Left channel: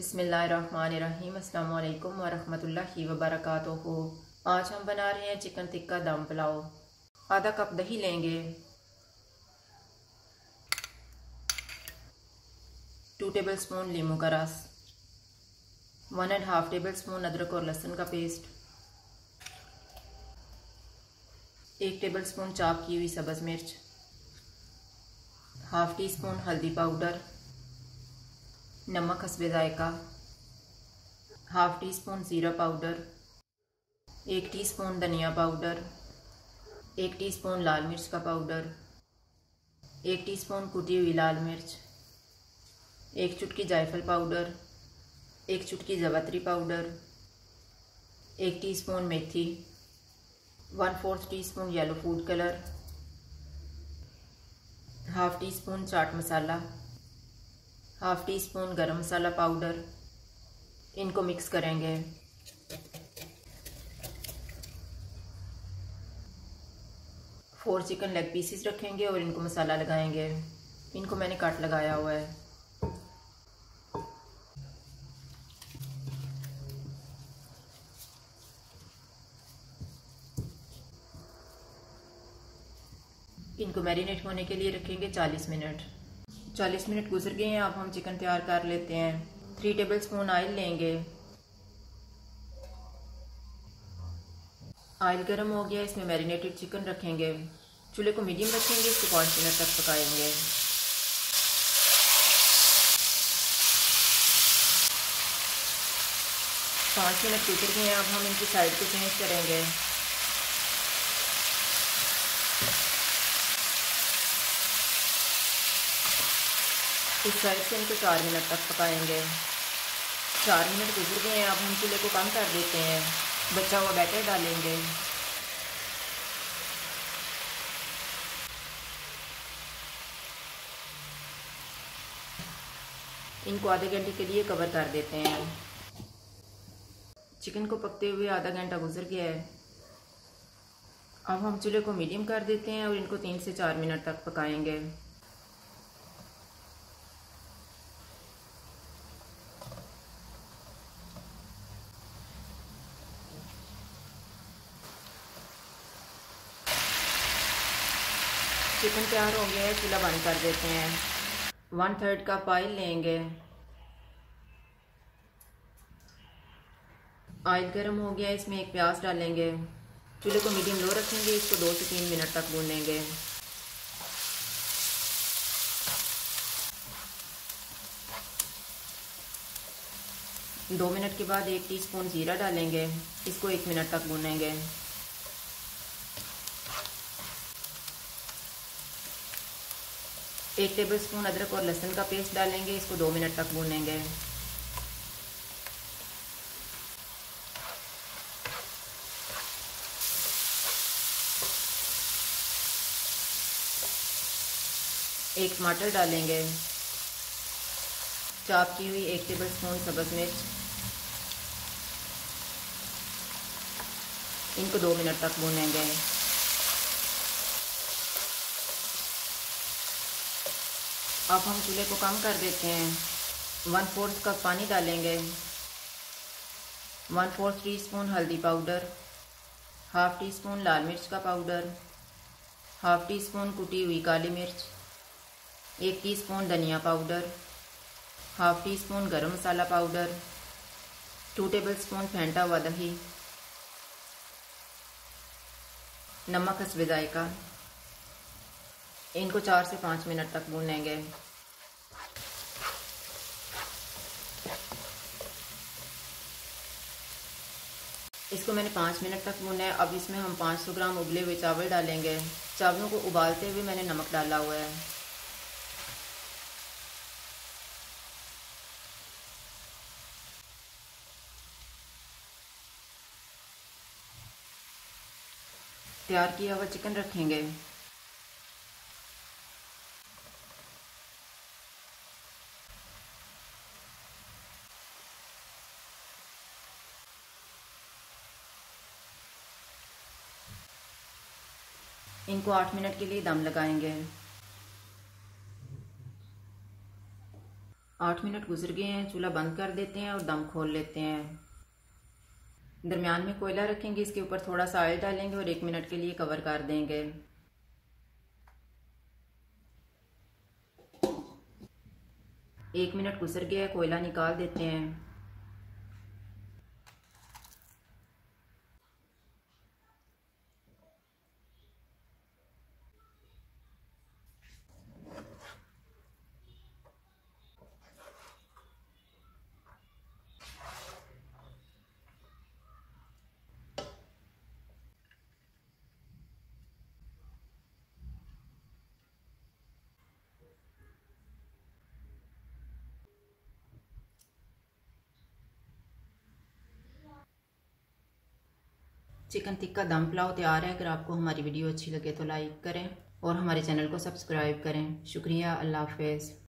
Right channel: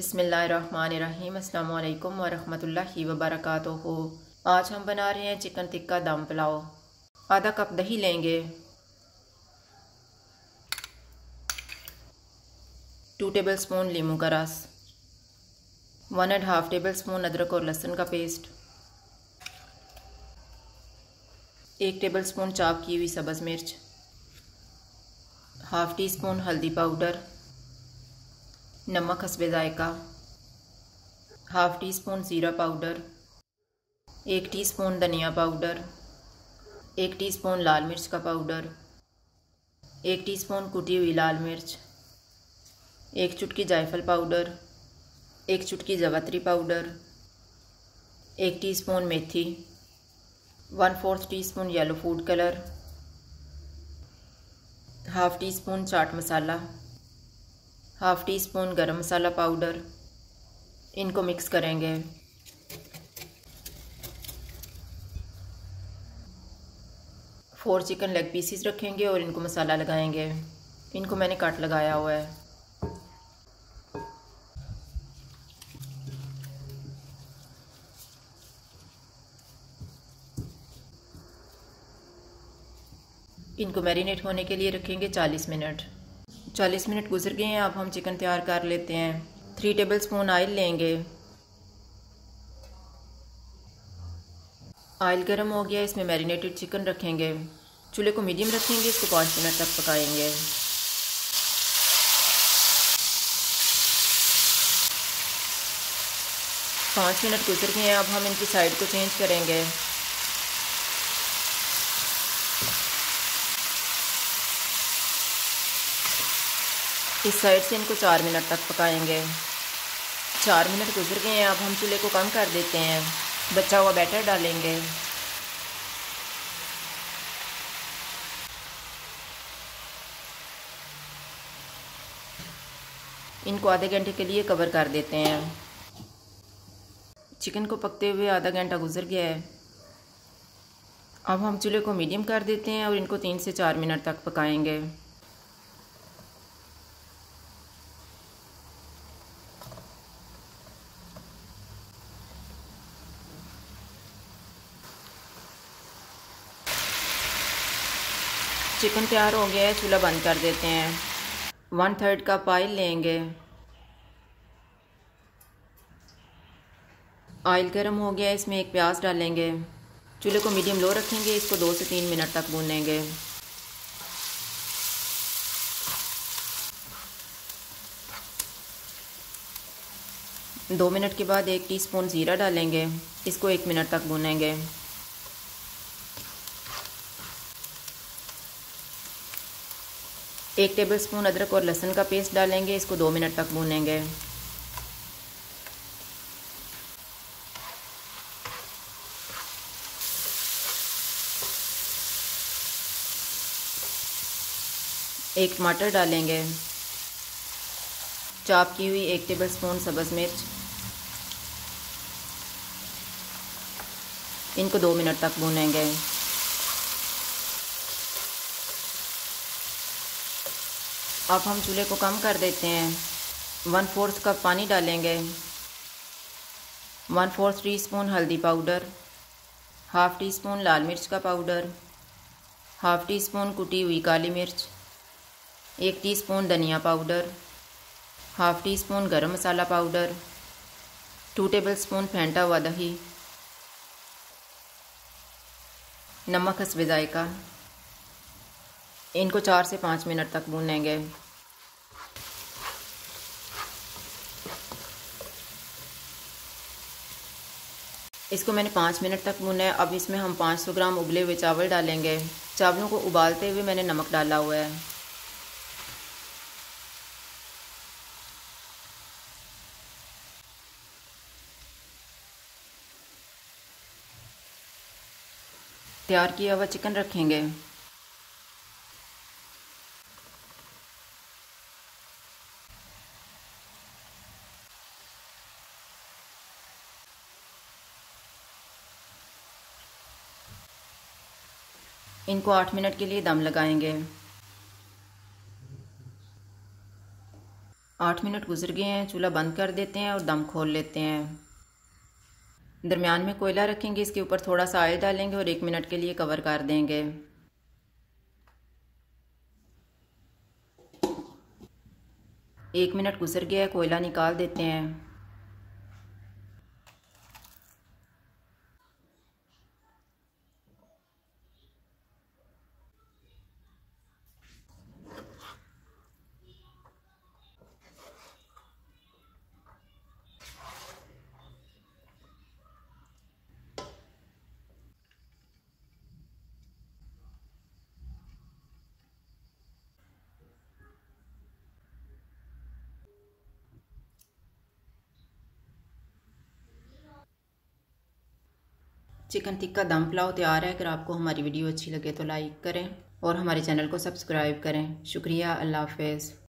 बिस्मिल्लाहिर्रहमानिर्रहीम। अस्सलाम वालेकुम वरहमतुल्लाहि वबरकातुहू। आज हम बना रहे हैं चिकन टिक्का दम पुलाव। आधा कप दही लेंगे, 2 टेबलस्पून लीमू का रस, 1.5 टेबलस्पून अदरक और लहसुन का पेस्ट, 1 टेबलस्पून चॉप की हुई सब्ज़ मिर्च, हाफ़ टी स्पून हल्दी पाउडर, नमक हस्बे ज़ायका, हाफ़ टी स्पून ज़ीरा पाउडर, 1 टीस्पून धनिया पाउडर, 1 टीस्पून लाल मिर्च का पाउडर, 1 टीस्पून कुटी हुई लाल मिर्च, 1 चुटकी जायफल पाउडर, 1 चुटकी ज़वात्री पाउडर, 1 टीस्पून मेथी, 1/4 teaspoon yellow food colour, half teaspoon chaat masala, half teaspoon garam masala powder. इनको मिक्स करेंगे। फोर चिकन लेग पीसेस रखेंगे और इनको मसाला लगाएंगे। इनको मैंने काट लगाया हुआ है। इनको मैरिनेट होने के लिए रखेंगे 40 मिनट। 40 मिनट गुजर गए हैं। अब हम चिकन तैयार कर लेते हैं। 3 टेबलस्पून ऑयल लेंगे। ऑयल गर्म हो गया, इसमें मैरिनेटेड चिकन रखेंगे। चूल्हे को मीडियम रखेंगे, इसको 5 मिनट तक पकाएंगे। पाँच मिनट गुजर गए हैं। अब हम इनकी साइड को चेंज करेंगे। इस साइड से इनको 4 मिनट तक पकाएंगे। 4 मिनट गुजर गए हैं। अब हम चूल्हे को कम कर देते हैं। बचा हुआ बैटर डालेंगे। इनको आधे घंटे के लिए कवर कर देते हैं। चिकन को पकते हुए आधा घंटा गुजर गया है। अब हम चूल्हे को मीडियम कर देते हैं और इनको 3 से 4 मिनट तक पकाएंगे। चिकन तैयार हो गया है, चूल्हा बंद कर देते हैं। 1/3 कप ऑयल लेंगे। ऑयल गर्म हो गया है, इसमें एक प्याज डालेंगे। चूल्हे को मीडियम लो रखेंगे, इसको 2 से 3 मिनट तक भूनेंगे। दो मिनट के बाद 1 टीस्पून ज़ीरा डालेंगे। इसको 1 मिनट तक भूनेंगे। एक टेबलस्पून अदरक और लहसुन का पेस्ट डालेंगे। इसको 2 मिनट तक भूनेंगे। एक टमाटर डालेंगे। चॉप की हुई 1 टेबलस्पून सब्ज़ मिर्च। इनको 2 मिनट तक भूनेंगे। अब हम चूल्हे को कम कर देते हैं। 1/4 कप पानी डालेंगे। 1/4 टीस्पून हल्दी पाउडर, हाफ़ टी स्पून लाल मिर्च का पाउडर, हाफ़ टी स्पून कुटी हुई काली मिर्च, 1 टीस्पून धनिया powder, half teaspoon garam masala powder, 2 tablespoon फेंटा हुआ दही, नमक हस्बे ज़ायका। इनको 4 से 5 मिनट तक भूनेंगे। इसको मैंने 5 मिनट तक भूना है। अब इसमें हम 500 ग्राम उबले हुए चावल डालेंगे। चावलों को उबालते हुए मैंने नमक डाला हुआ है। तैयार किया हुआ चिकन रखेंगे। इनको 8 मिनट के लिए दम लगाएंगे। 8 8 मिनट गुजर गए हैं। चूल्हा बंद कर देते हैं और दम खोल लेते हैं। दरमियान में कोयला रखेंगे, इसके ऊपर थोड़ा सा ऑयल डालेंगे और 1 मिनट के लिए कवर कर देंगे। 1 मिनट गुजर गया है, कोयला निकाल देते हैं। चिकन टिक्का दम पुलाव तैयार है। अगर आपको हमारी वीडियो अच्छी लगे तो लाइक करें और हमारे चैनल को सब्सक्राइब करें। शुक्रिया। अल्लाह हाफ़िज़।